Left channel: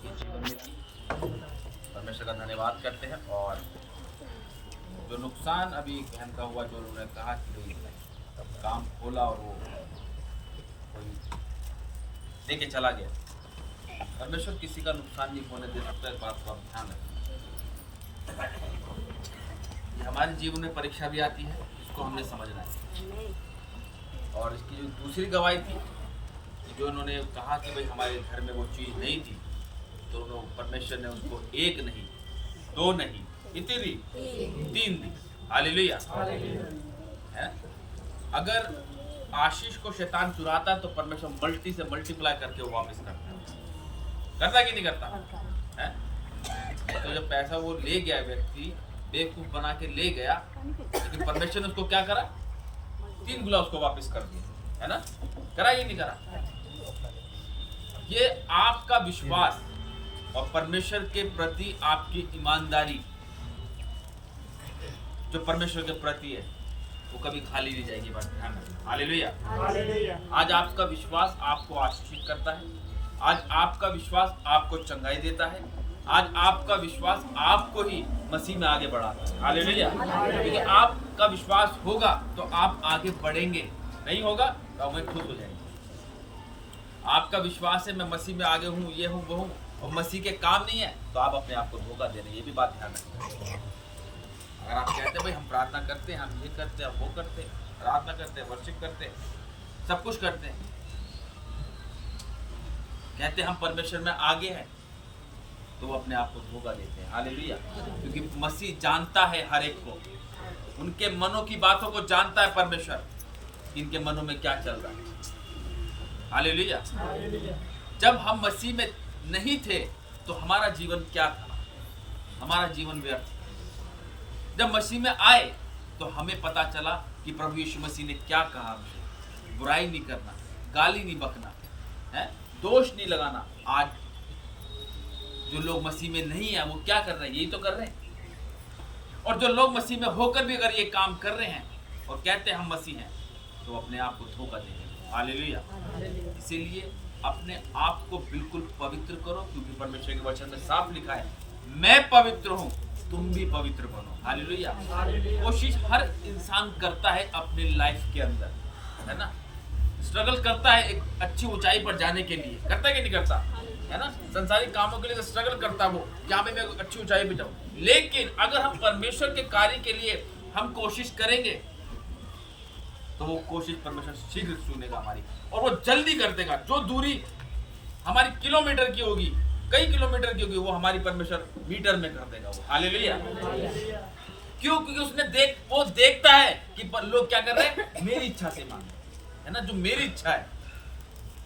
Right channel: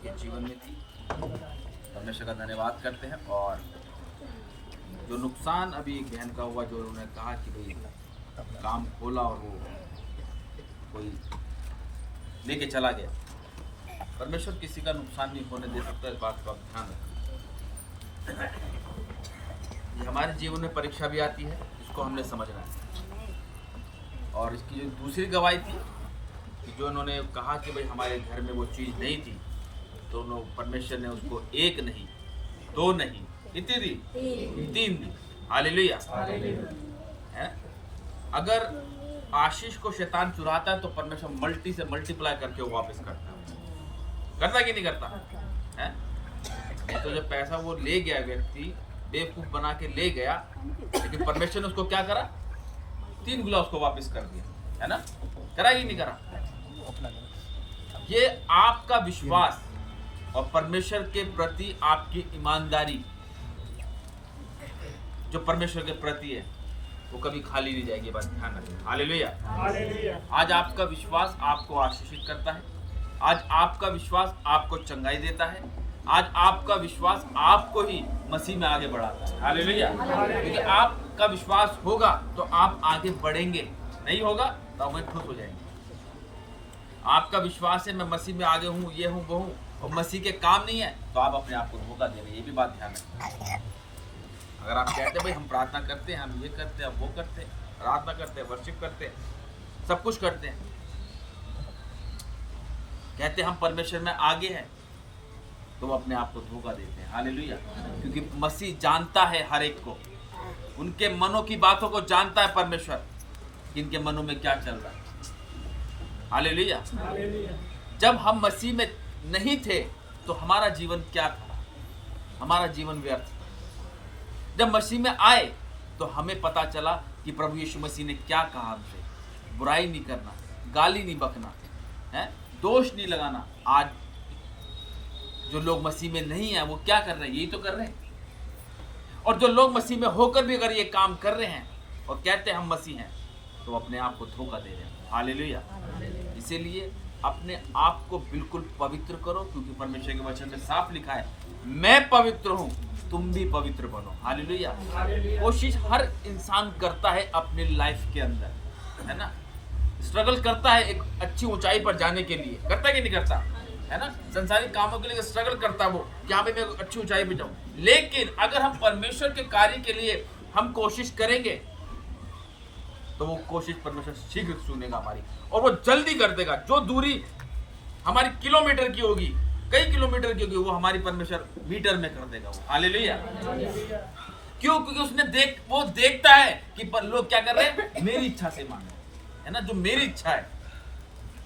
उनके जीवन में थी। परमेश्वर का धन्यवाद करते हैं। और जो नुकसान अभी एक बहन का हुआ, जो उन्होंने कहा कि भाई काम खोला और वो कोई लेके चला गया, परमेश्वर किसी का नुकसान नहीं होने दे सकता। इस बात को आप ध्यान रखें। ये हमारे जीवन में परीक्षा भी आती है, इसको हमने समझना है। और इसकी जो दूसरी गवाही थी कि जो उन्होंने कहा कि भाई हमारे घर में वो चीज़ नहीं थी, तो परमेश्वर ने उसको एक नहीं, दो नहीं, कितनी दी? 3 दी। हालेलुया। है। अगर आशीष को शैतान चुराता है तो परमेश्वर मल्टी से मल्टीप्लाई करके वो वापस करता है कि नहीं करता है? तो जब पैसा वो ले गया, व्यक्ति बेवकूफ बना के ले गया, लेकिन परमेश्वर ने उसको क्या करा? 3 गुना उसको वापस कर दिया, है ना? करा कि नहीं करा? ये आपका विश्वास और परमेश्वर के प्रति आपकी ईमानदारी जो परमेश्वर के प्रति है, वो कभी खाली नहीं जाएगी। बात ध्यान रखना। हालेलुया। आज आपका विश्वास आपको आशीषित करता है। आज आपका विश्वास आपको चंगाई देता है। आज आपका विश्वास आपको ही मसीह में आगे बढ़ाता है। हालेलुया। क्योंकि आपका विश्वास होगा तो आप आगे बढ़ेंगे, नहीं होगा तो आप वहीं ठूस हो जाएंगे। आपका विश्वास है मैं मसीह में आगे हूँ, ये हूँ, वो हूँ, और मसीह के काम नहीं है, तो आप अपने आप को धोखा दे रहे हैं। ये भी बात ध्यान रखना। अगर आप कहते हैं भाई हम प्रार्थना करते हैं, हम ये करते हैं, वो करते हैं, प्रार्थना करते हैं, वर्शिप करते हैं, सब कुछ करते हैं, कहते हैं हम परमेश्वर में आगे हैं, तो वो अपने आप को धोखा देते हैं। हालेलुया। क्योंकि मसीह जानता है हर एक को, उनके मनों की बातों को जानता है परमेश्वर, इनके मनों में क्या चल रहा है। हालेलुया। जब हम मसीह में नहीं थे तो हमारा जीवन क्या था? हमारा जीवन व्यर्थ था। जब मसीह में आए तो हमें पता चला कि प्रभु यीशु मसीह ने क्या कहा हमसे। बुराई नहीं करना, गाली नहीं बकना, है, दोष नहीं लगाना। आज जो लोग मसीह में नहीं है वो क्या कर रहे हैं? यही तो कर रहे हैं। और जो लोग मसीह में होकर भी अगर ये काम कर रहे हैं और कहते हैं हम मसीह हैं, तो अपने आप को धोखा दे रहे हैं। हालेलुया। इसीलिए अपने आप को बिल्कुल पवित्र करो, क्योंकि परमेश्वर के वचन में साफ लिखा है, मैं पवित्र हूं, तुम भी पवित्र बनो। हालेलुया। कोशिश हर इंसान करता है अपने लाइफ के अंदर, है ना? स्ट्रगल करता है एक अच्छी ऊंचाई पर जाने के लिए, करता है कि नहीं करता? है ना? संसारिक कामों के लिए स्ट्रगल करता है वो, क्या भाई मैं अच्छी ऊंचाई पे जाऊं। लेकिन अगर हम परमेश्वर के कार्य के लिए हम कोशिश करेंगे तो वो कोशिश परमेश्वर शीघ्र सुनेगा हमारी, और वो जल्दी कर देगा। जो दूरी हमारी किलोमीटर की होगी, कई किलोमीटर की होगी, वो हमारी परमेश्वर मीटर में कर देगा वो। हालेलुया। क्यों? क्योंकि उसने वो देखता है कि लोग क्या कर रहे हैं, मेरी इच्छा से मांग रहे हैं, है ना? जो मेरी इच्छा है,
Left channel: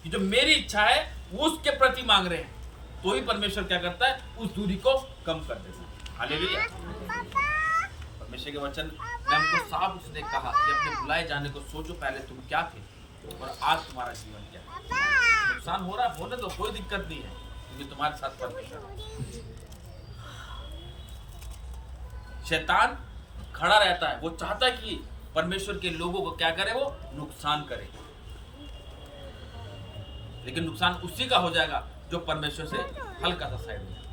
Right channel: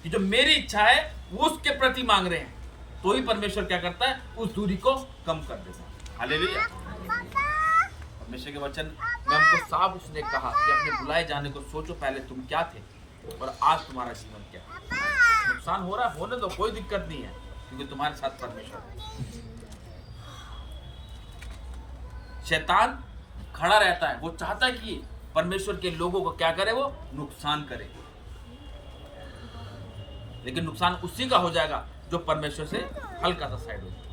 कि जो मेरी इच्छा है वो उसके प्रति मांग रहे हैं, तो ही परमेश्वर क्या करता है, उस दूरी को कम कर देता है। हालेलुया। परमेश्वर के वचन में हमको साफ उसने कहा कि अपने बुलाए जाने को सोचो, पहले तुम क्या थे और आज तुम्हारा जीवन क्या है। नुकसान हो रहा है, होने दो, कोई दिक्कत नहीं है, क्योंकि तुम्हारे साथ परमेश्वर है। शैतान खड़ा रहता है, वो चाहता है कि परमेश्वर के लोगों को क्या करे, वो नुकसान करे, लेकिन नुकसान उसी का हो जाएगा जो परमेश्वर से हल्का सा साइड हो जाए।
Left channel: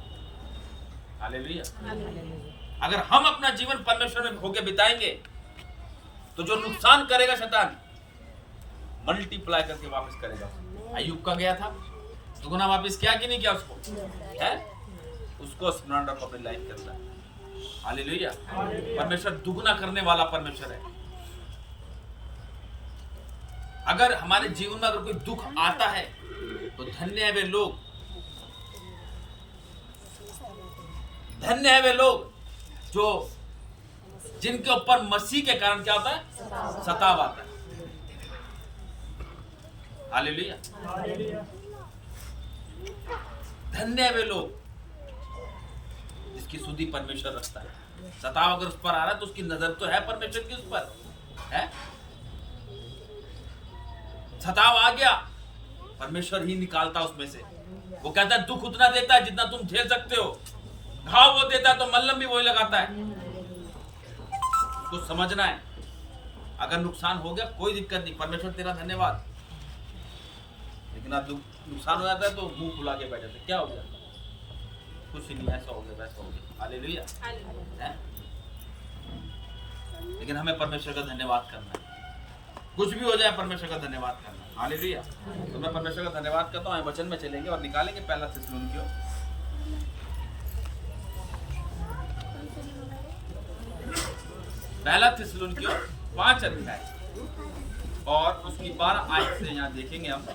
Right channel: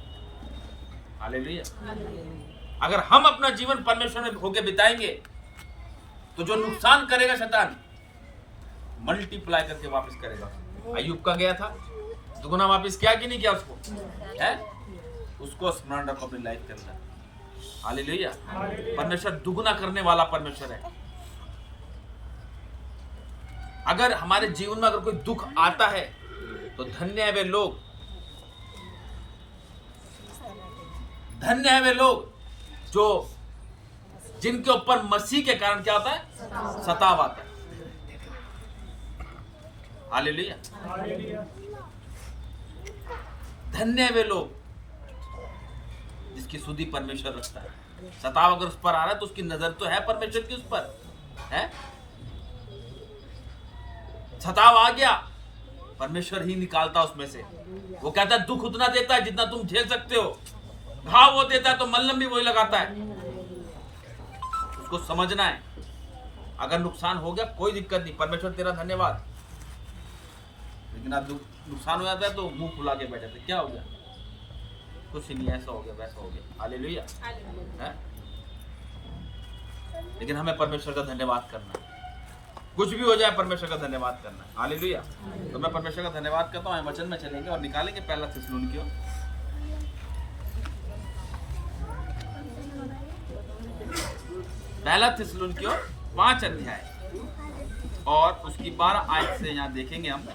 हालेलुया। अगर हम अपना जीवन परमेश्वर में होके बिताएंगे तो जो नुकसान करेगा शैतान, मल्टीप्लाई करके वापस करेगा। अय्यूब का गया था, दुगुना वापस किया कि नहीं किया उसको? है, उसको स्मरण रखो अपनी लाइफ के अंदर। हालेलुया। परमेश्वर दुगुना करने वाला परमेश्वर है। अगर हमारे जीवन में अगर कोई दुख आता है तो धन्य है वे लोग, धन्य है वे लोग जो जिनके ऊपर मसीह के कारण क्या होता है, सताव आता है। हालेलुया। धन्य है वे लोग जिसकी सुधि परमेश्वर रखता है। सताव अगर उस पर आ रहा है तो उसकी नजर तो है परमेश्वर की उस पर, है? सताव आ गया, परमेश्वर ही निकालता उसमें से। वो कहता है दुख उतना देता है जितना तुम झेल सकते हो, घाव वो देता है तो मल्लम भी वही लगाता है। उसको समझना है। अगर नुकसान हो गया कोई दिक्कत नहीं, परमेश्वर तेरा धन्यवाद, लेकिन अब नुकसान हो जाता है तो मुंह फुला के बैठ जाते, क्या हो गया, कुछ नहीं, ऐसा हो गया वैसा हो गया। हालेलुया है। लेकिन हमें परमेश्वर का धन्यवाद करना है, कुछ भी हो जाए परमेश्वर का धन्यवाद करना है। हालेलुया। तो मैं परमेश्वर का धन्यवाद करता हूँ। वचन में चलेंगे और निकालेंगे पहला थिस्सलुनीकियों, पहला थिस्सलुनीकियों 5 अध्याय और उसकी 12 आयत से यहाँ देखेंगे हम,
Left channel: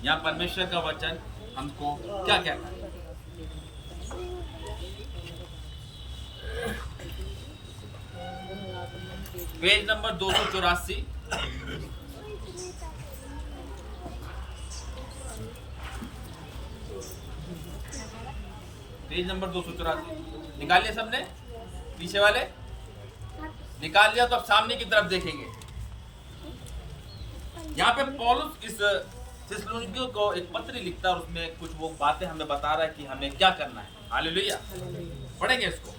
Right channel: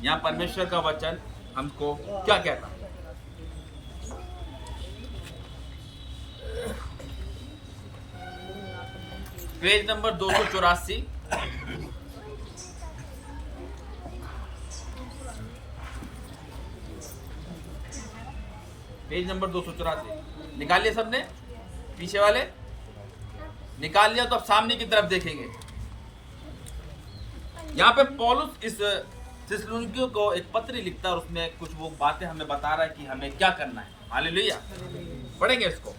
यहाँ परमेश्वर का वचन हमको क्या कहता है। पेज नंबर 284, पेज नंबर 284 निकालिए सबने, पीछे वाले निकाल लिया तो अब सामने की तरफ देखेंगे। यहाँ पे पौलुस इस थिस्सलुनीकियों को एक पत्र लिखता है और उसमें कुछ वो बातें हमें बता रहा है कि हमें क्या करना है। हालेलुया। पढ़ेंगे इसको।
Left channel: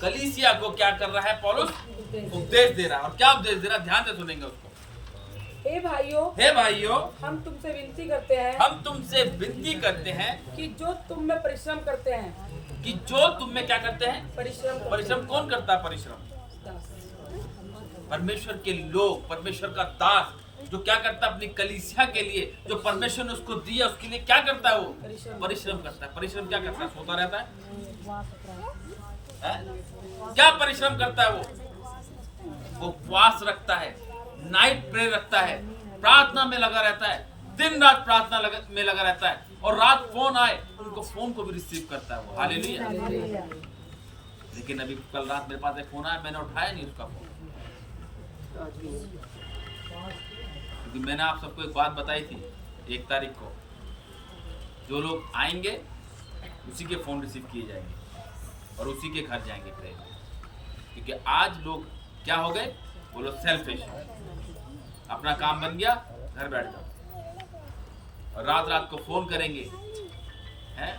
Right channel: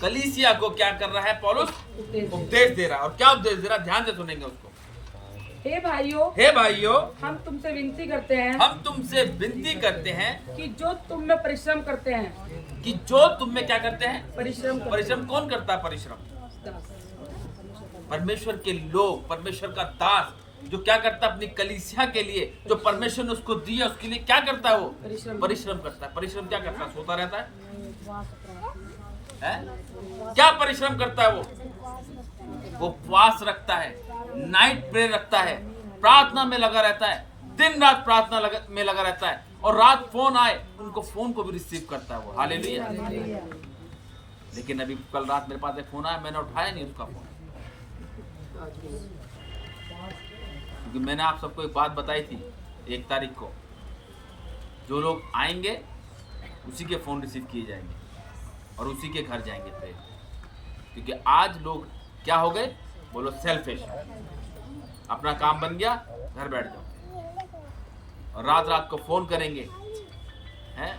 कलीसिया को क्या कर रहा है पौलुस? उपदेश दे रहा है। और क्या उपदेश दे रहा है, ध्यान से सुनेंगे उसको। हे भाइयों, हम तुमसे विनती करते हैं कि जो तुम में परिश्रम करते हैं, कि जो तुम में क्या करते हैं? परिश्रम कौन करता है परिश्रम? परमेश्वर के लोग, परमेश्वर का दास जो क्या करता है अपनी कलीसिया के लिए, जो परमेश्वर ने उसको दिया उसके लिए क्या करता है? वो परिश्रम करता है। परिश्रम क्या करता है? सोता रहता है? क्या परिश्रम करता है? वो उपवास रखता है, नाइट प्रेयर रखता है, प्रार्थना में लगा रहता है, दिन रात प्रार्थना में लगा रहता है, और रात फोन आए उनको फोन को भी रिसीव करता है वो। हालेलुया। लेकिन अभी कल रात मेरे पास एक फोन आया, मैंने उठाया नहीं उसका फोन, क्योंकि मैंने आप सबको एक बात बताई थी 1 तारीख को, जो लोग आएंगे उसी के फोन रिसीव किए जाएंगे और उसी के घर जाएंगे प्रेयर। क्योंकि आज लोग क्या हो गए? बोलो सेल्फिश। अपना काम बन गया, घर बैठ जाओ और रात रात को फोन करेंगे, हैं?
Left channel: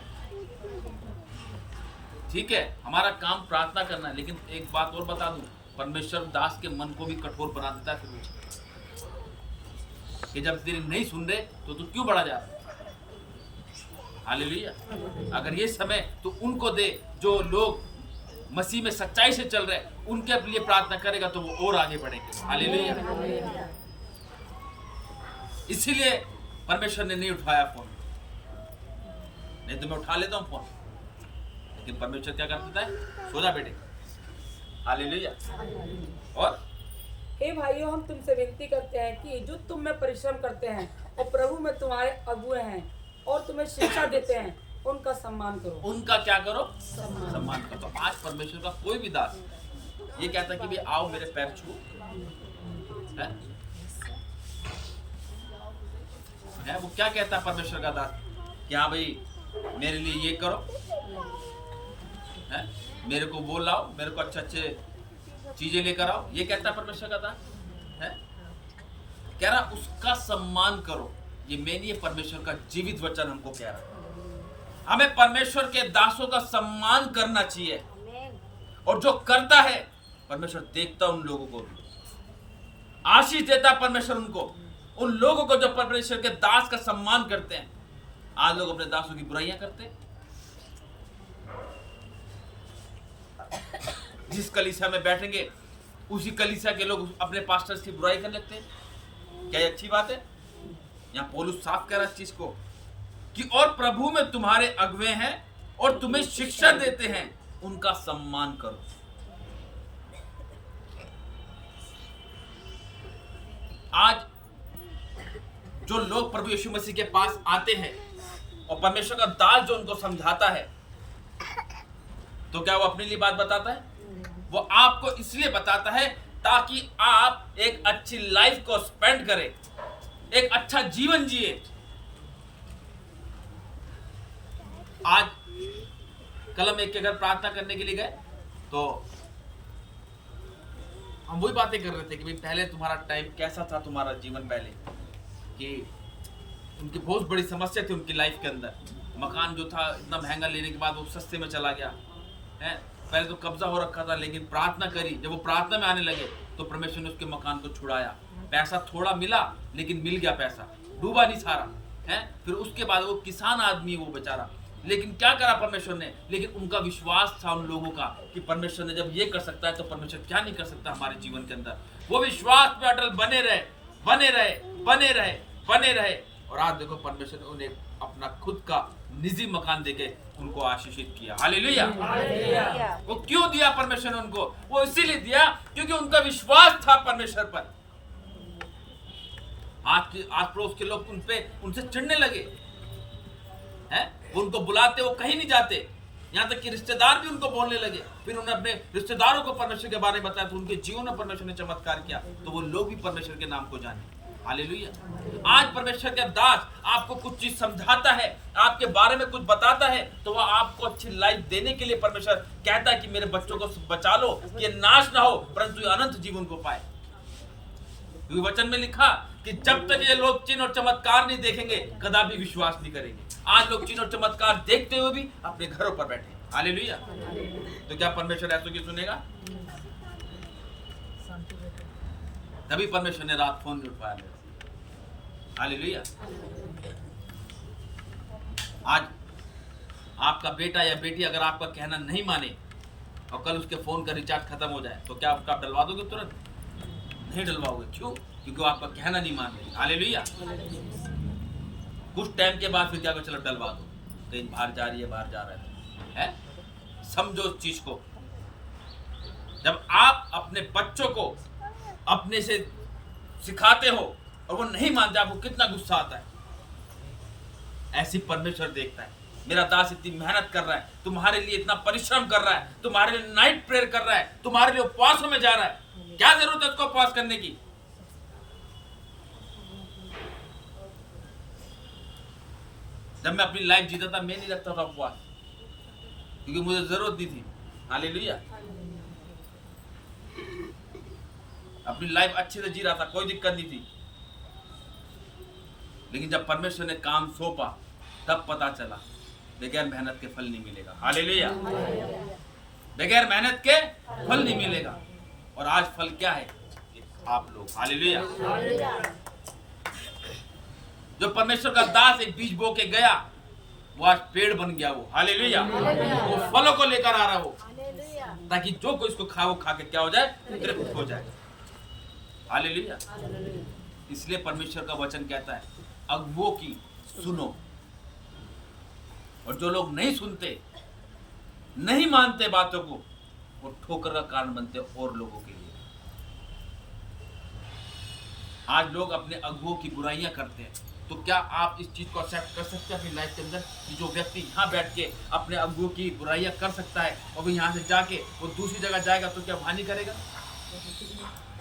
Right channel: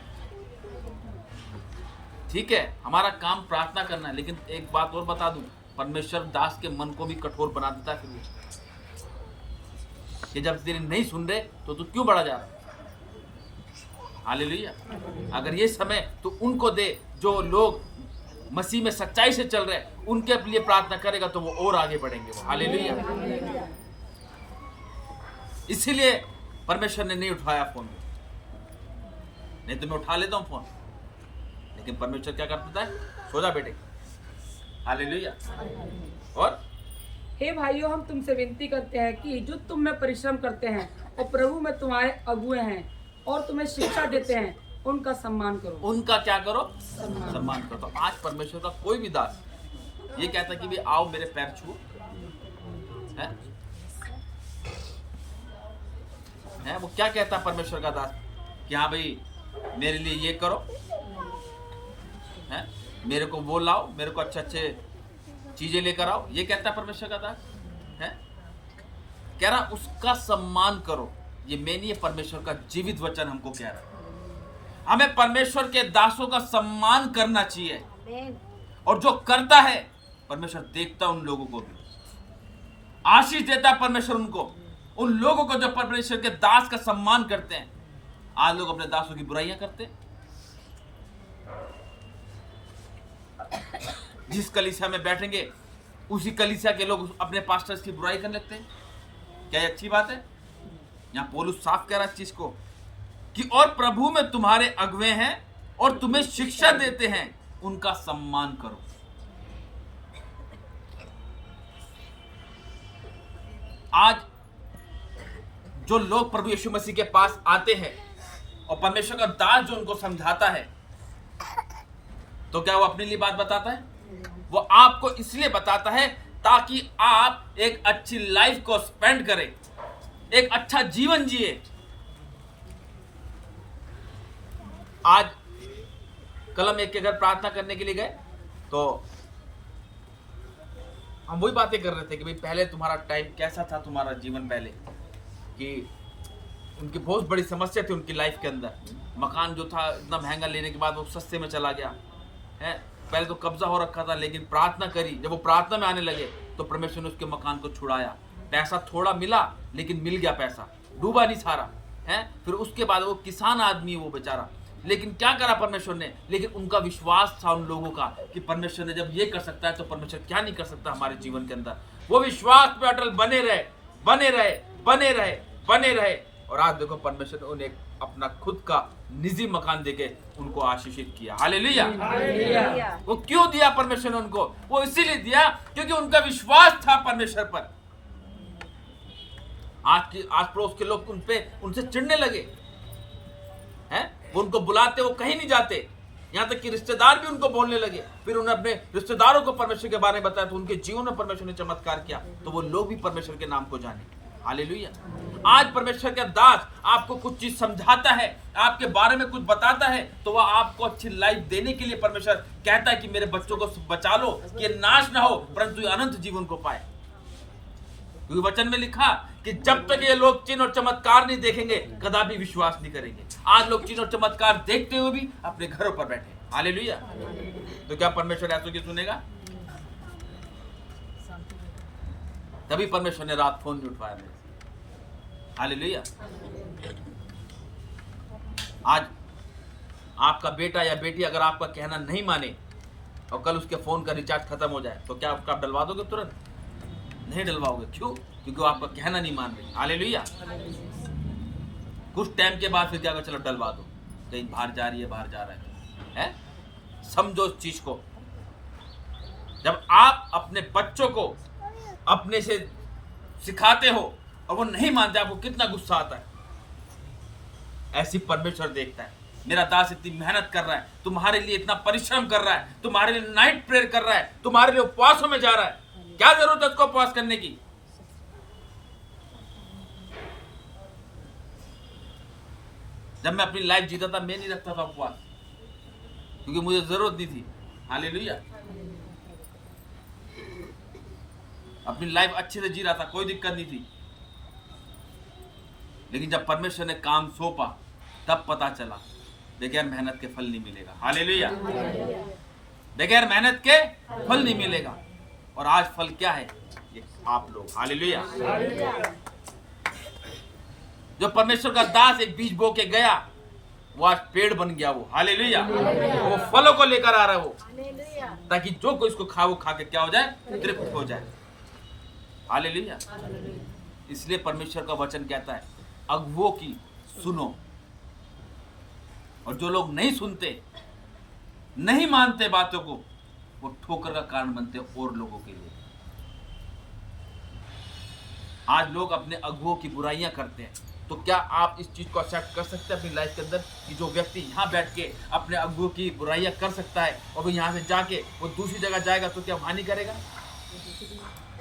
ठीक है, हमारा काम प्रार्थना करना है, लेकिन एक बात और बता दूं, परमेश्वर दास के मन को भी कठोर बना देता है फिर वो, कि जब तेरी नहीं सुन रहे तो तू क्यों बढ़ा जा रहा है? हालेलुया। अगर ये समय तो उनको दे जो लोग मसीह में सच्चाई से चल रहे हैं, उनके लिए प्रार्थना करेगा तो वो और आगे बढ़ेंगे। हालेलुया। इसीलिए परमेश्वर ने नहीं उठाया फोन, नहीं तो मैं उठा लेता हूं फोन, लेकिन परमेश्वर क्या कर देता है? सो जा बेटे। हालेलुया। और हे भाइयों, हम तुमसे विनती करते हैं कि जो तुम में परिश्रम करते हैं और प्रभु में तुम्हारे अगुए हैं और तुम्हें शिक्षा देते हैं, उनका सम्मान करो। उनका क्या करो? सम्मान करो। तो आज परमेश्वर का कोई भी दास ये कहता है कि भाई आओ मेरे पैर छुओ, है? वो क्या कहता है परमेश्वर का दास कि हाँ भाई मेरे लिए ये करो, है? मेरे को वो लाओ, मेरे को अच्छे अच्छे चीजें लेकर आओ, ये कहता है परमेश्वर का दास, है? कह रहा उसका सम्मान करो। ये मैं नहीं, परमेश्वर का जीवित वचन हमको कह रहा है। हमें परमेश्वर के दासों का सम्मान करना चाहिए, और जो करता है परमेश्वर देखता उन लोगों को भी आशीष देता है परमेश्वर उनको, उन लोगों को जो परमेश्वर के दास का सम्मान करते हैं। आज लोग अपने दासों की बुराइयां करते हैं। जिस कलीसिया में बैठेंगे उसी कलीसिया के लोग अपने पास्टर्स की बुराई करने लगते हैं। क्या ये अच्छी बात है? यहाँ पौलुस साफ कह रहा है इस चीज को कि और प्रभु में तुम्हारे अगुवे हैं और तुम्हें शिक्षा देते हैं, उनका सम्मान करो। आज जो लोग प्रभु यीशु मसीह के पास आते हैं और परमेश्वर का दास जो उनको समझाता है, तो क्या वो अपने लिए बात बताता है? वो आपको इसलिए बताता है ताकि आप एक अच्छी लाइफ को स्पेंड करें, एक अच्छा जीवन जिए। आज कल हम एक के घर प्रार्थना करने के लिए गए तो हम वही बातें कर रहे थे कि भाई पहले तुम्हारा टाइम कैसा था, तुम्हारा जीवन पहले, कि उनकी बहुत बड़ी समस्या थी उनकी लाइफ के अंदर। मकान जो था इतना महंगा लेने के बाद वो सस्ते में चला गया है। पहले तो कब्जा हो रखा था, लेकिन प्रार्थना करी, जब वो प्रार्थना में आने लगे तो परमेश्वर ने उसके मकान को छुड़ाया। पैसा थोड़ा मिला लेकिन मिल गया, पैसा डूबा नहीं सारा है। फिर उसके बाद वो किसान आदमी, वो बेचारा लेकिन क्या करा परमेश्वर ने, लेकिन उनका विश्वास था उन लोगों का कि परमेश्वर ने जब ये कर सकता है तो परमेश्वर क्या नहीं कर सकता हमारे जीवन के अंदर। वो विश्वास पे अटल बने रहे, बने रहे, बने रहे, बने रहे। और आज देखो परमेश्वर ने उन्हें अपना खुद का निजी मकान देके उनको आशीषित किया। हालेलुया। वो क्यों दिया परमेश्वर ने उनको? वो इसीलिए दिया क्योंकि उनका विश्वास था परमेश्वर पर। आस पड़ोस के लोग उनसे चिढ़ने लगे हैं, वो उनको बुलाते, वो कहीं नहीं जाते, यहाँ तक कि रिश्तेदार भी उनको बोलने लगे। फिर उन्हें अपने रिश्तेदारों को परमेश्वर के बारे में बताया तो उनके जीवन में परमेश्वर ने चमत्कार किया, तो वो लोग भी परमेश्वर के नाम को जाने। हालेलुया। आज परमेश्वर का दास आपको कुछ चीज समझाता है, आपके बारे में कुछ बताता है, तो वह आपको अच्छी लाइफ देने के लिए परमेश्वर कहता है कि मेरे बच्चों को बचा लो कि ये नाश ना हो परंतु ये अनंत जीवन को पाए। क्योंकि वचन में लिखा कि जब तक ये लोग चिन्ह और चमत्कार नहीं देखेंगे कदापि विश्वास नहीं करेंगे। आज लोग चिन्ह और चमत्कार देखते हुए भी अपने घरों पर बैठे। हालेलुया। तो क्या परमेश्वर ऐसों की सुनेगा? तभी परमेश्वर ने रात फोन नहीं उठाया मेरे। हालेलुया। आज आपका बेटा या बेटी अगर आपका कहना नहीं माने और कल उसके फोन का रिचार्ज खत्म हो जाए तो क्या आप डलवा दोगे? तुरंत नहीं डलवाओगे। क्यों? क्योंकि वो आपका कहना नहीं मान रही। हालेलुया। कुछ टाइम के बाद फिर क्या कर, चलो डलवा दो, कहीं बाहर जा रही है, बाहर जा रहा है? समझो उस चीज को। जब आप अपने बच्चों को अपने से सिखाते हो और वो नहीं मानते, आपको कितना गुस्सा आता है। ऐसी परमेश्वर देखता है, मेरा दास इतनी मेहनत कर रहा है, तुम्हारे लिए इतना परिश्रम कर रहा है, तुम्हारे लिए नाइट प्रेयर कर रहा है, तुम्हारे लिए उपवासों में जा रहा है, क्या जरूरत है उसको उपवास करने की? जब मैं अपनी लाइफ जीता था मैं नहीं रखता था उपवास, क्योंकि मुझे जरूरत नहीं थी। हालेलुया। अपनी लाइफ अच्छे से जी रहा था, कोई दिक्कत नहीं थी। लेकिन जब परमेश्वर ने काम सौंपा तब पता चला बगैर मेहनत के फल नहीं मिलेगा। हालेलुया। बगैर मेहनत के फल नहीं मिलेगा। और आज फल क्या है? ये आप लोग। हालेलुया। जो परमेश्वर का दास एक बीज बो के गया वो आज पेड़ बन गया। वो हालेलुया। वो फलों को लेकर आ रहा है वो, ताकि जो कोई इसको खा वो खा के क्या हो जाए? तृप्त हो जाए। हालेलुया। इसलिए परमेश्वर का वचन कहता है अगुवों की सुनो, और जो लोग नहीं सुनते, नहीं मानते बातों को, वो ठोकर का कारण बनते और लोगों के लिए। आज लोग अपने अगुवों की बुराइयां करते हैं, तो क्या आप इस चीज को एक्सेप्ट कर सकते हैं अपनी लाइफ के अंदर कि जो व्यक्ति यहाँ बैठ के अपने अगुवों की बुराइयां कर सकता है और वो यहाँ से जाके वो दूसरी जगह जाएगा तो क्या हानि करेगा?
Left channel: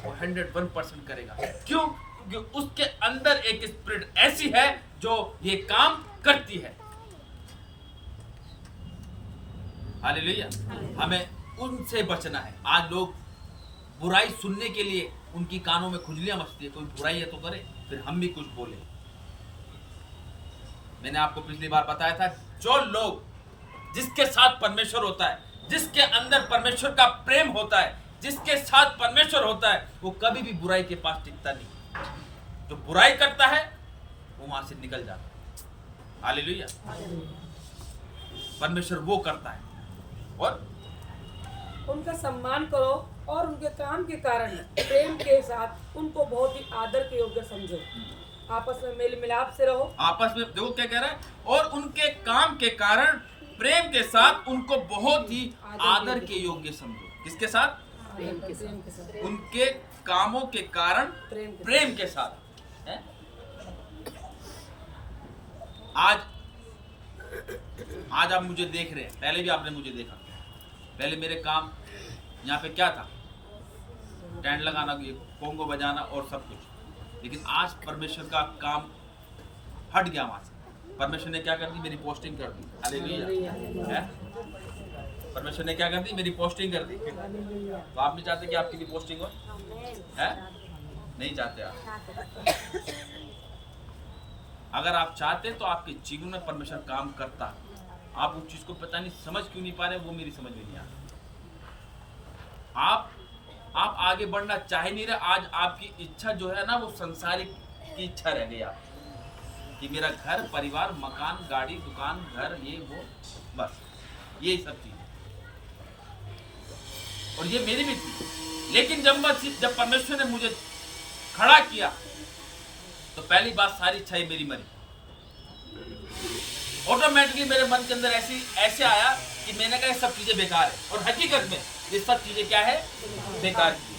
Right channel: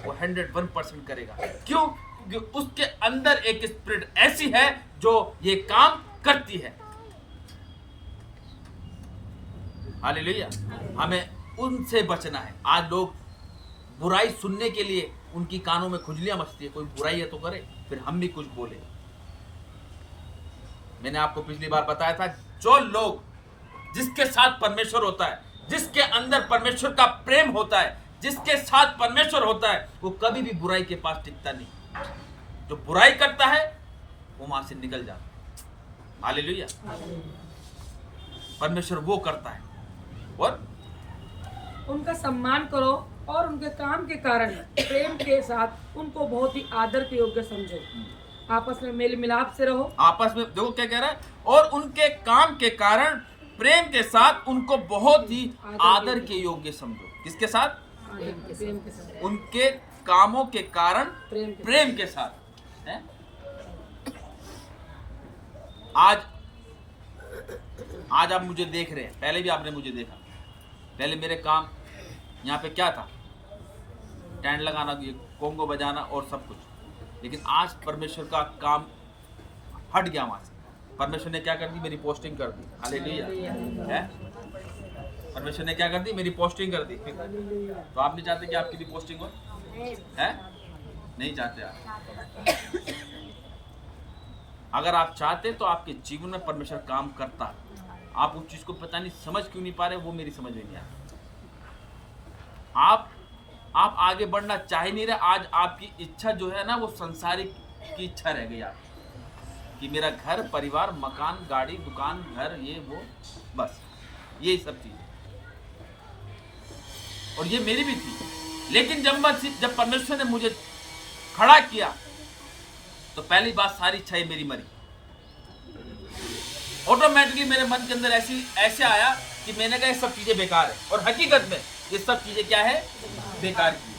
वो 101% करेगा। क्यों? क्योंकि उसके अंदर एक स्पिरिट ऐसी है जो ये काम करती है। हालेलुया। हमें उनसे बचना है। आज लोग बुराई सुनने के लिए उनकी कानों में खुजलियां मचती है, कोई बुराई है तो करे, फिर हम भी कुछ बोले। मैंने आपको पिछली बार बताया था, जो लोग जिसके साथ परमेश्वर होता है, जिसके अंदर परमेश्वर का प्रेम होता है, जिसके साथ परमेश्वर होता है, वो कभी भी बुराई के पास टिकता नहीं। जो बुराई करता है वो वहां से निकल जाता है। हालेलुया। परमेश्वर वो करता है। और उनका सम्मान करो और उनके काम के कारण प्रेम के साथ उनको बहुत ही आदर के योग्य समझो। आपस में मेल मिलाप से रहो। आपस में देखो क्या कह रहा है, और उनके काम के कारण प्रेम के साथ उनको बहुत ही आदर के योग्य समझो। किसके साथ? प्रेम के साथ। उनके कामों के कारण प्रेम के साथ है? आज आप मुझे देख रहे हैं, पहले भी आपने मुझे देखा। पहले मेरे काम यहाँ पे क्या था? टेंट लगाना, कोंगो बजाना और सब कुछ। लेकिन आज परमेश्वर का काम हट गया वहां से। परमेश्वर ने क्या कर दी? मेरी पोस्टिंग कर दी। हालेलुया। है? परमेश्वर ने क्या कर दी? मेरी पोस्टिंग कर दी। तो आप नहीं चाहते कि आपकी भी पोस्टिंग हो? है? नहीं चाहते आप। अगर आप चाहते तो आपके जीवन में परमेश्वर काम करता। आप उस चीज को पता नहीं समझ क्यों नहीं पा रहे, वो मेरी समझ में नहीं आ रही। आप आगे बढ़ना चाह नहीं रहे। आज आपकी इच्छा जो है ना वो संसारिक की इच्छा रह गई। आप कि मेरा घर परिवार मकान गाड़ी दुकान घर ये वो बस ये सब चीजें, और ये मेरी भी थी। लेकिन जब परमेश्वर ने मुझे खड़ा किया तो पहली बात सारी इच्छाएं मेरी मरी। ऑटोमेटिकली मेरे मन के अंदर ऐसे आया कि मैंने कहा ये सब चीजें बेकार है, और हकीकत में ये सब चीजें क्या है, बेकार की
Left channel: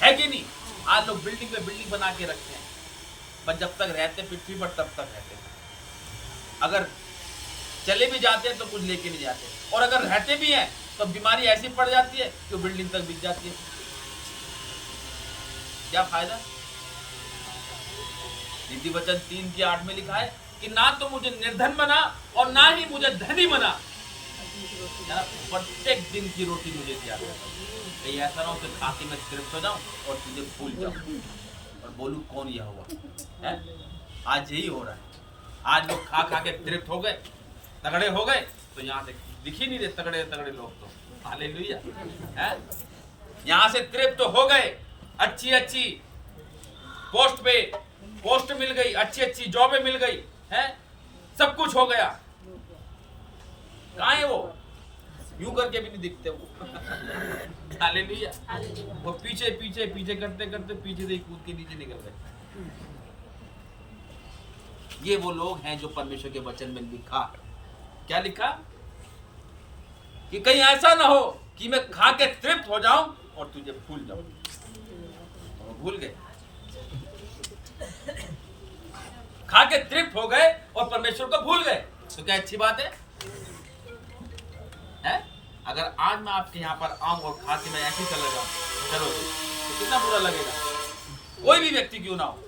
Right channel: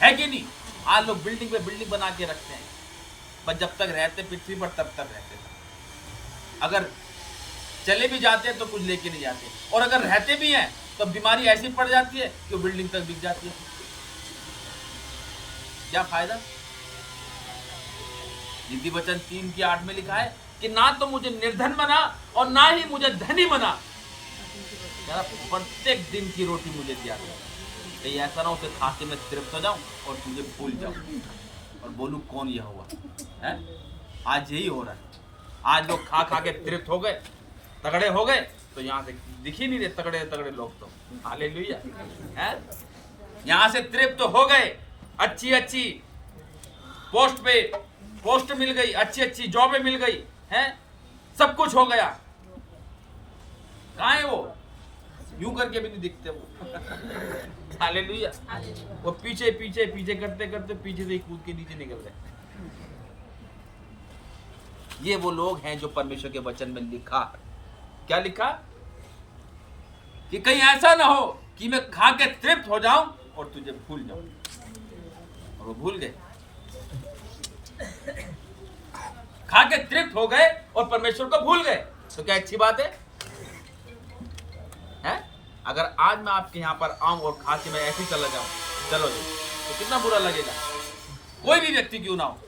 है कि नहीं। आज लोग बिल्डिंग पे बिल्डिंग बना के रखते हैं, पर जब तक रहते पृथ्वी पर तब तक रहते थे। अगर चले भी जाते हैं तो कुछ लेके नहीं जाते, और अगर रहते भी हैं तो बीमारी ऐसी पड़ जाती है कि वो बिल्डिंग तक बिक जाती है। क्या फायदा। नीति वचन 3:8 में लिखा है कि ना तो मुझे निर्धन बना और ना ही मुझे धनी बना, यार प्रत्येक दिन की रोटी मुझे दिया था। कहीं ऐसा ना हो कि खा के मैं तृप्त हो जाऊं और तुझे भूल जाऊं और बोलूं कौन यह हुआ है। आज यही हो रहा है। आज लोग खा खा के तृप्त हो गए, तगड़े हो गए, तो यहाँ से दिख ही नहीं रहे तगड़े तगड़े लोग तो। हालेलुया है। यहाँ से तृप्त हो गए, अच्छी अच्छी पोस्ट मिल गई, अच्छी अच्छी जॉबें मिल गई है, सब कुछ हो गया। कहाँ है वो? यूं करके भी नहीं दिखते वो। हालेलुया। वो पीछे पीछे पीछे करते करते पीछे से कूद के नीचे निकल गए। ये वो लोग हैं जो परमेश्वर के वचन में लिखा, क्या लिखा, कि कहीं ऐसा ना हो कि मैं खा के तृप्त हो जाऊं और तुझे भूल जाऊं। और वो भूल गए, खा के तृप्त हो गए और परमेश्वर को भूल गए। तो क्या अच्छी बात है? अगर आज मैं आपके यहाँ पर आऊं और खा के मैं ऐसे ही चला जाऊं, चलो जी, तो कितना बुरा लगेगा। कोई भी व्यक्ति क्यों ना हो,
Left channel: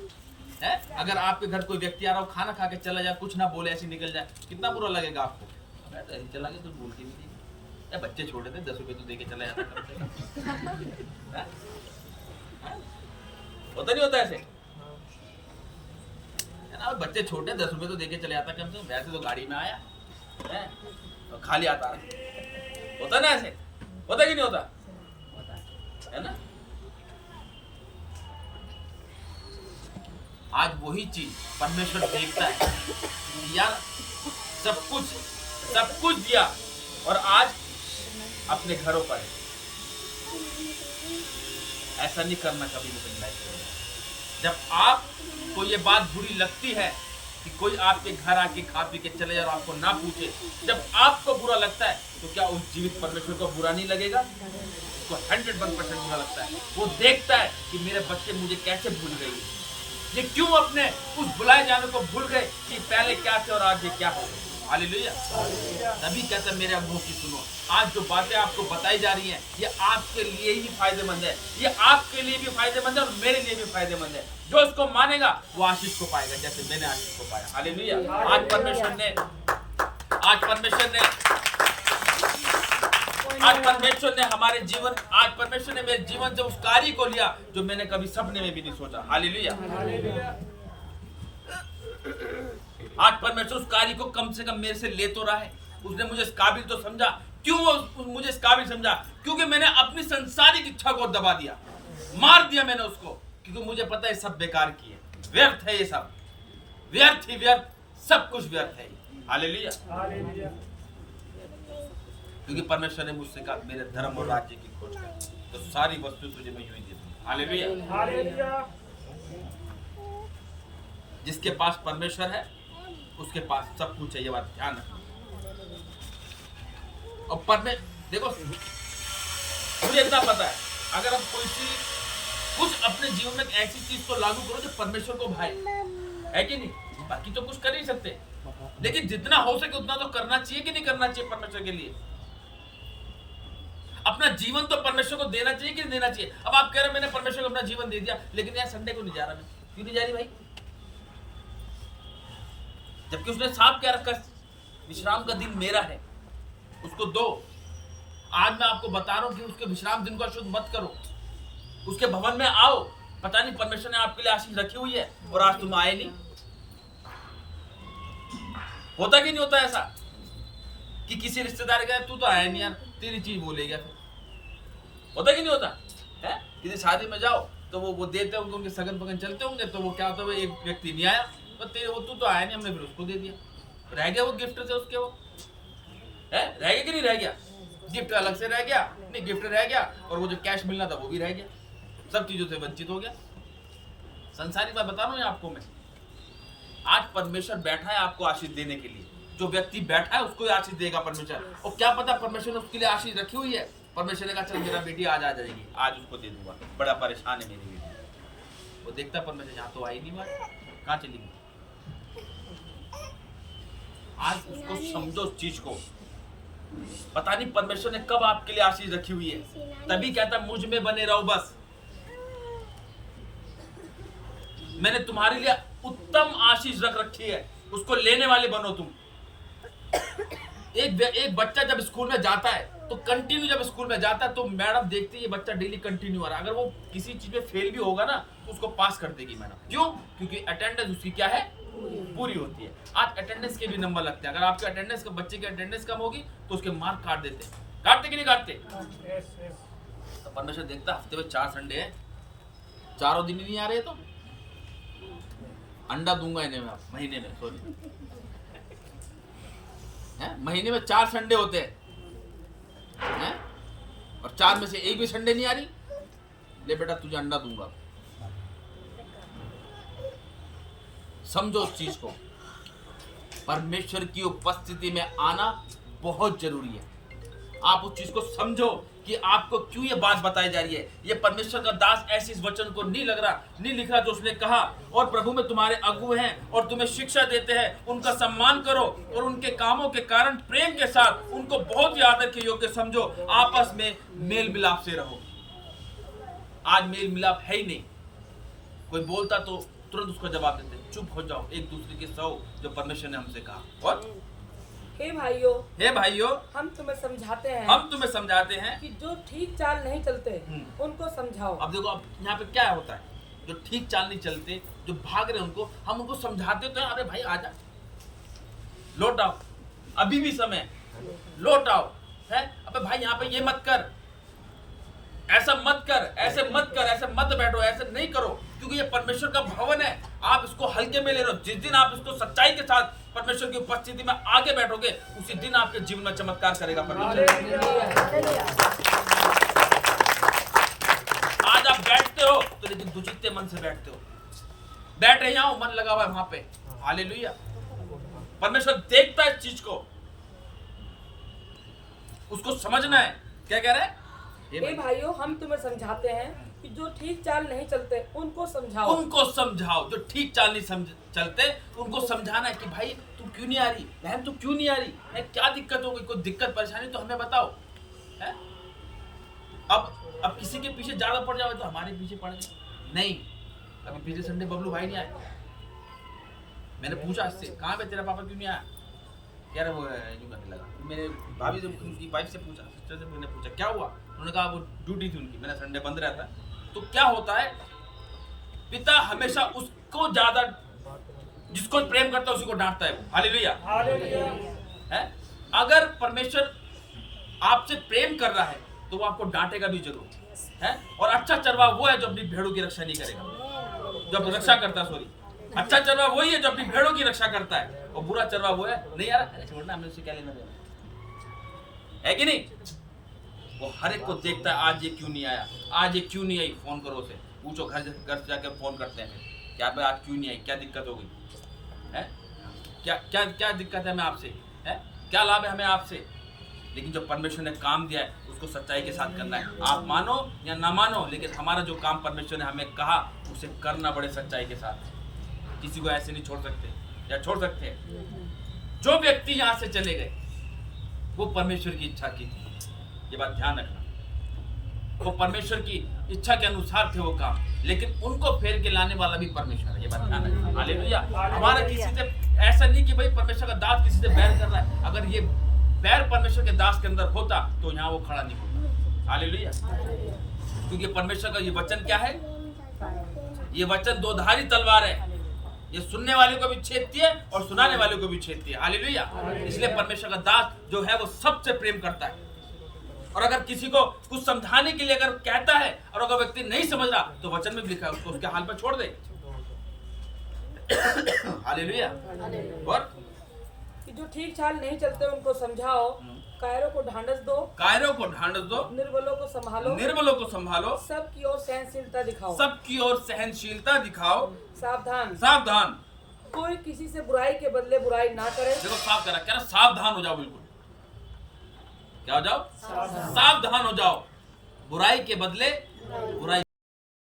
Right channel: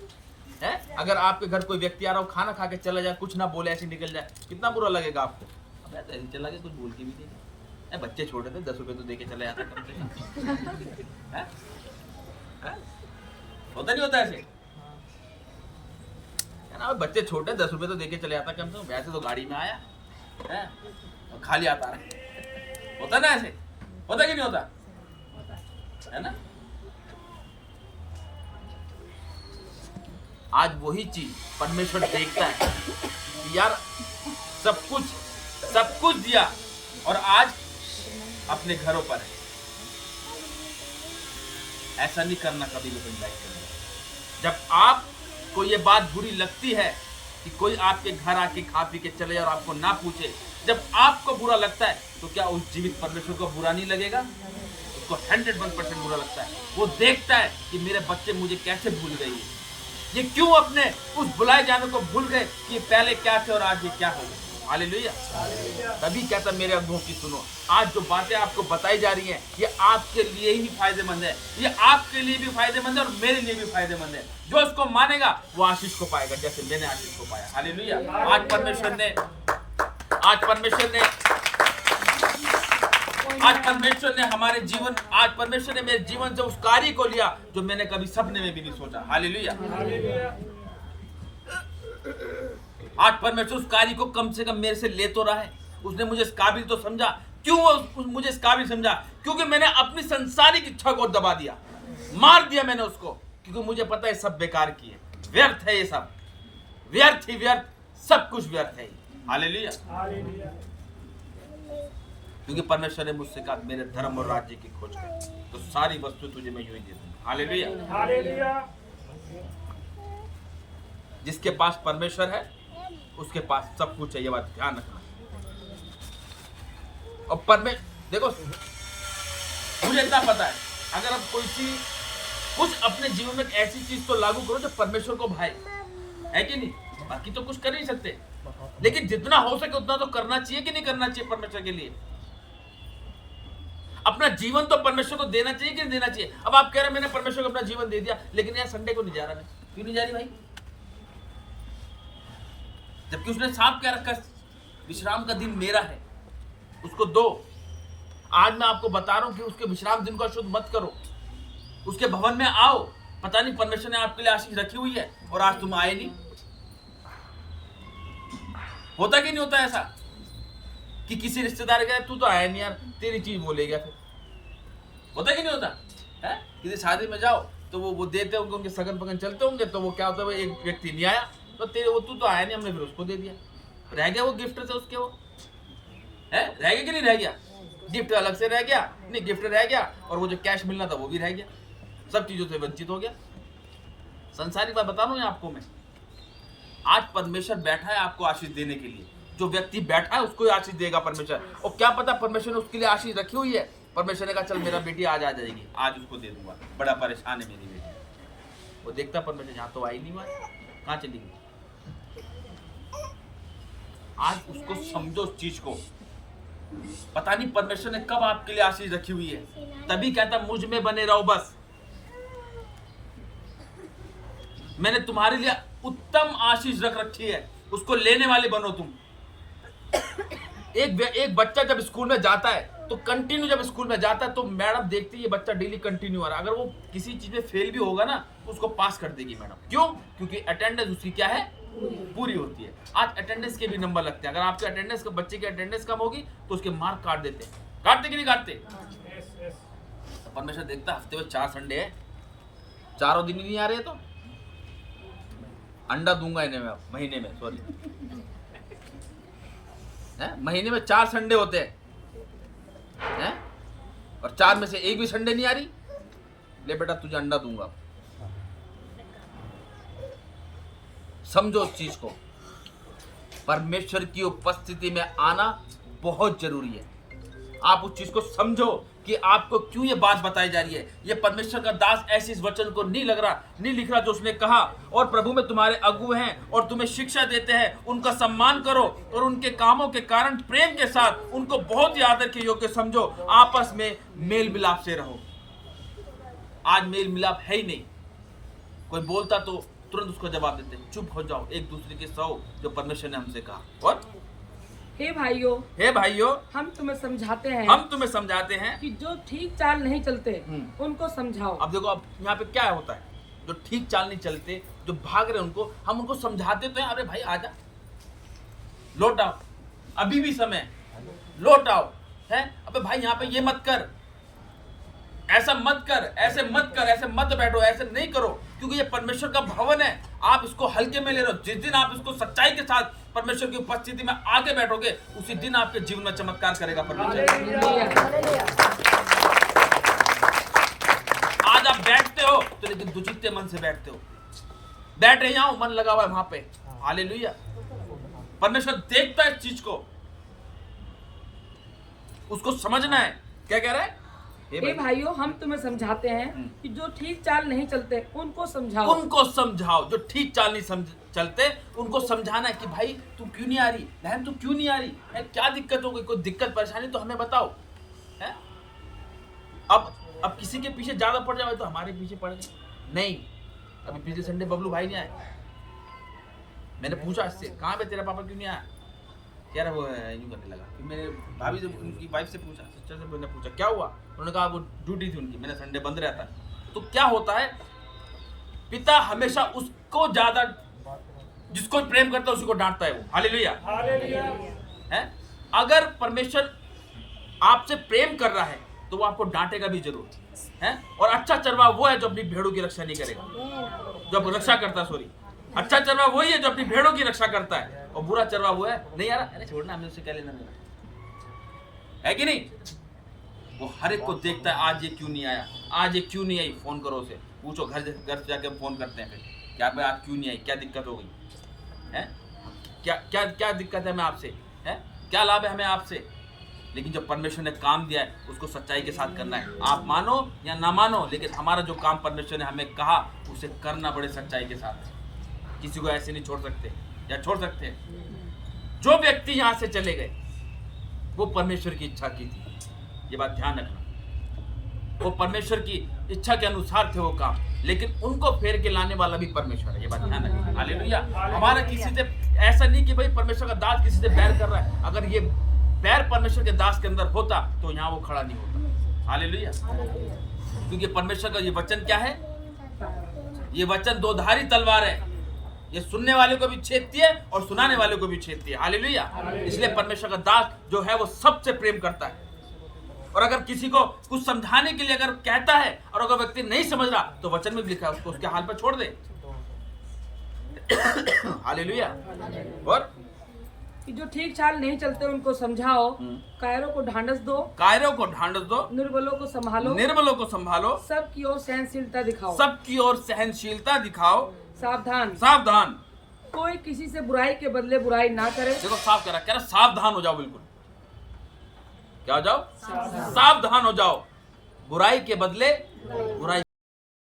है, अगर आपके घर कोई व्यक्ति आ रहा हो, खाना खा के चला जाए, कुछ ना बोले, ऐसे निकल जाए, कितना बुरा लगेगा आपको। अब ऐसे ही चला गया, कुछ बोल के भी नहीं। बच्चे छोटे थे, 10 रुपए तो दे के चले जाता कम से कम। होता नहीं होता ऐसे, है ना। बच्चे छोटे, 10 रुपए तो दे के चले जाता कम से कम। वैसे तो गाड़ी में आया है और खाली आता रहा। होता ना ऐसे, होता कि नहीं होता, है ना। आज वही चीज परमेश्वर देखता है कि यार सब कुछ दिया और आज अपने घरों पर है। ऐसा नहीं करना कभी भी अपनी लाइफ में। जब आपको ये बात बुरी लगती है कि कोई आपके घर आके खा पी के चले जाए और आपको ना पूछे, जब आपको बुरा लगता है तो क्या उस जीवित परमेश्वर को बुरा नहीं लगेगा? उसको 101% बुरा लगता है। वो देखता है कि मेरे बच्चे मुझे कैसे भूल गए, ये क्यों अपने उस बुलाए जाने को भूल गए कि पहले क्या थे और आज ये क्या हो गए। हालेलुया। तभी कहता मेरे अगुओं की सुनो। आज जो बातें आपको बताई जा रही हैं ये आपके लिए ही फायदेमंद है, ये आपके लिए भी फायदेमंद है और मेरे लिए भी फायदेमंद है। जो इसको मानेगा वो आशीष को पाएगा, जैसे मैंने आशीष को पाया। हालेलुया। आज परमेश्वर ने मेरे जीवन से उस कार्य को लिया जो मैंने कभी सपने में भी नहीं सोचा। हालेलुया। आज परमेश्वर उस कार्य को कम से कम मेरे से ले तो रहा है। उसने मुझे इस काबिल तो समझा। क्यों वो मुझे इस काबिल समझा? क्योंकि मैंने अपनी संसारिक इच्छा को दबा दिया, मार दिया मैंने उसको, क्योंकि मुझे पता है सब बेकार की है, व्यर्थ है, ये सब व्यर्थ ही व्यर्थ, सब कुछ व्यर्थ है। हालेलुया। क्योंकि परमेश्वर ने मुझसे कहा मेरे धर्म और राज्य की खोज कर, तो सारी वस्तु तुझे मैं यूं ही दे दूंगा। हालेलुया। जिसके पास परमेश्वर है उसके पास सब कुछ है, ये बात ध्यान रखना। और देखो, मुझे इतना पता है, अगर आप कोई चीज कुछ अपने जीवन में ऐसी चीज तो लागू करो जो परमेश्वर को भाए, है कि नहीं। बाकी तो कुछ कर नहीं सकते, लेकिन जितना हो सके उतना तो करना चाहिए कि नहीं करना चाहिए परमेश्वर के लिए। अपना जीवन तो परमेश्वर को देना चाहिए कि नहीं देना चाहिए। अब आप कह रहे हैं मैंने परमेश्वर को अपना जीवन दे दिया, लेकिन यार संडे को नहीं जा रहा मैं। क्यों नहीं जा रही भाई? जबकि उसने साफ कह रखा विश्राम का दिन मेरा है, उसको दो। आज मैं आपको बता रहा हूं कि उसके विश्राम दिन को अशुद्ध मत करो, उसके भवन में आओ। पता नहीं परमेश्वर ने आपके लिए आशीष रखी हुई है और आज तुम आए नहीं। होता कि नहीं होता ऐसा कि किसी रिश्तेदार गया, तू तो आया नहीं यार, तेरी चीज बोलेगा फिर। होता कि नहीं होता है? किसी शादी में जाओ तो वो देते होंगे, उनके सगन पगन चलते होंगे, तो वो क्या होता है, एक व्यक्ति नहीं आया तो पर तेरे वो तू तो आया नहीं, हमने फिर उसको दे दिया, रह गया वो गिफ्ट से उसके, वो है रह गया कि नहीं रह गया, गिफ्ट अलग से रह गया, नहीं गिफ्ट रह गया और वो जो कैश मिलना था वो भी रह गया, सब चीजों से वंचित हो गया। संसारिक बात बता रहा हूं आपको मैं, आज परमेश्वर बैठा है आपको आशीष देने के लिए, जो व्यक्ति बैठा है उसको आशीष देगा परमेश्वर। और क्या पता परमेश्वर ने उसके लिए आशीष रखी हुई है, परमेश्वर ने कहा चल मेरा बेटी आज आ जाएगी, आज उसको दे दूंगा, बड़ा परेशान है मेरी बेटी। वो देखता परमेश्वर यहाँ तो आई नहीं, बात कहाँ चली गई। आज उसको समझो उस चीज को, पता नहीं परमेश्वर ने कब आपके लिए आशीष रखी हुई है, तभी कहता मुझ में बने रहो बस, मैंने तुम्हारे लिए उत्तम आशीष रख रखी है, उसको लेने वाले बनो तुम। एक बच्चा जब स्कूल में जाता है तो कंटिन्यू, जब स्कूल में जाता है तो मैडम देखती है ये बच्चा डेली कंटिन्यू आ रहा है, अगर वो किसी चीज में फेल भी होगा ना तो उसको पास कर देगी मैडम। क्यों? क्योंकि अटेंडेंस उसकी क्या है, पूरी होती है। आज अटेंडेंस के भी नंबर लगते हैं, अगर आपके अटेंडेंस का बच्चे की अटेंडेंस कम होगी तो उसके मार्क काट देते हैं, काटते कि नहीं काटते? तो परमेश्वर देखता हफ्ते में 4 संडे है, चारों दिन ही नहीं आ रहे तो अंडा दूंगा इन्हें मैं, महीने में, सॉरी महीने में 4 संडे होते हैं, और 4 में से एक भी संडे नहीं आ रही, ले बेटा तुझे अंडा दूंगा। समझो उस चीज को, परमेश्वर की उपस्थिति में आना बहुत जरूरी है। आप उस चीज को समझो कि आपको क्यों ये बात बताई जा रही है। ये परमेश्वर का दास ऐसे इस वचन को नहीं लिख रहा जो उसने कहा, और प्रभु में तुम्हारे अगुए हैं और तुम्हें शिक्षा देते हैं, उनका सम्मान करो और उनके कामों के कारण प्रेम के साथ उनको बहुत ही आदर के योग्य समझो, आपस में मेल मिलाप से रहो। आज मेल मिलाप है ही नहीं, कोई बोलता तो तुरंत उसको जवाब देते हैं, चुप हो जाओ, एक दूसरे के सहो जो परमेश्वर ने हमसे कहा। और हे भाइयों, हम तुम्हें समझाते हैं कि जो ठीक चाल नहीं चलते उनको समझाओ। अब देखो, अब यहाँ पे क्या होता है, जो ठीक चाल नहीं चलते, जो भाग रहे उनको हम उनको समझाते तो हैं, अरे भाई आजा, लौट आओ, अभी भी समय है, लौट आओ, है अबे भाई यहाँ पे ये मत कर, ऐसा मत कर, ऐसे मत कर, ऐसे मत बैठो, ऐसे नहीं करो, क्योंकि ये परमेश्वर का भवन है, आप इसको हल्के में ले रहे हो। जिस दिन आप इसको सच्चाई के साथ परमेश्वर की उपस्थिति में आगे बैठोगे, उसी दिन आपके जीवन में चमत्कार करेगा परमेश्वर। आज आप बैठते हो तो लेकिन दुचित्ते मन से बैठते हो, बैठ रहे जाओ, मन लगा हुआ है वहां पे, हालेलुया। परमेश्वर देखता है इस चीज को, उसको समझना है। क्या कह रहा है? हे भाइयों, हम तुम्हें समझाते हैं कि जो ठीक चाल नहीं चलते उनको समझाओ। जो ठीक चाल नहीं चलते उनको समझाना है कि भाई तू क्यों नहीं आ रही, बहन तू क्यों नहीं आ रही है, क्या दिक्कत हो गई, कोई दिक्कत परेशानी तो हमें बताओ, है? अब किसी के पीछे ज्यादा पड़ जाओ तो हमारे पीछे पड़ गए नहीं। अभी पिछले संडे बबलू भाई नहीं आए, मैंने पूछा इससे, कहाँ पे तेरा पापा क्यों नहीं आया, कह रहा वो यूं करने लगा। फिर मैंने भाभी से, उनकी वाइफ से पूछा, सिस्टर से मैंने पूछा क्या हुआ, उन्होंने कहा वो ड्यूटी थी उनकी, मैंने संडे बंद रहता है। तो क्या होता है, पिता हमेशा उसको ज्यादा, जिसको प्रेम करता है उसी को डांटता है वो, हालेलुया है। अगर परमेश्वर आपसे प्रेम कर रहा है तो वो आपको डांटेगा भी जरूर है। और अच्छा चरवा वो है जो अपनी भेड़ों की रक्षा नहीं करेगा, जो रक्षा करता है, सॉरी, अच्छा चरवा वही है जो अपनी भेड़ों की रक्षा करता है, और बुरा चरवा वो है नहीं यार, अरे छोड़ना, हमने उससे क्या लेना देना है कि नहीं। वो हर एक को देखता है, आज ये क्यों नहीं आया, आज ये क्यों नहीं आई, फोन करो उसे, पूछो, घर से जाके फोन करते हैं फिर, क्या मैं आज क्यों नहीं आई, क्या दिक्कत हो गई है, क्या दिक्कत है हमें आपसे, है क्या लाभ है हमें आपसे। लेकिन जब परमेश्वर ने काम दिया है उसको सच्चाई के साथ करना है, आप मानो या ना मानो, लेकिन हमारा जो काम परमेश्वर ने हमें कहा उसे करना बड़े सच्चाई के साथ। किसी को ऐसे नहीं छोड़ सकते, या छोड़ सकते हैं। जो व्यक्ति यहाँ से चले गए वो परमेश्वर की इच्छा की थी, ये बात ध्यान रखना, वो परमेश्वर की इच्छा के अनुसार थे वो काम, लेकिन उनको फेर के लाने वाला भी परमेश्वर है, ये बात ध्यान रखना, हालेलुया। हमारा किसी से ऐसा नहीं कि भाई परमेश्वर का दास किसी से बैर कर रहा है, अगर ये बैर परमेश्वर के दास के अंदर होता तो यहाँ वो खड़ा नहीं होता, हालेलुया। क्योंकि परमेश्वर का ये वचन क्या है, ये वचन 2 धारी तलवार है, ये सुनने वाले को भी छेदती है और सुनाने वाले को भी छेदती है, हालेलुया। इसलिए परमेश्वर का दास जो है वो सबसे प्रेम करता है, और अगर किसी को कुछ समझाने के लिए अगर कहता है और अगर व्यक्ति नहीं समझ रहा तो वचन में लिखा है उसको उसके हाल पर छोड़ दे। हालेलुया। और कि जो ठीक चाल नहीं चलते उनको समझाओ, कायरों को ढांढस दो, कायरों को ढांढस दो, निर्बलों को संभालो, निर्बलों को संभालो, सबकी ओर सहनशीलता दिखाओ, सबकी ओर सहनशीलता दिखाओ, सावधान, सावधान। कोई किसी से बुराई के बदले बुराई ना करे, देखो साफ करा, कह रहा सावधान हो जाओ, बिल्कुल क्या हो जाओ, सावधान हो जाओ, बुराई के बदले बुराई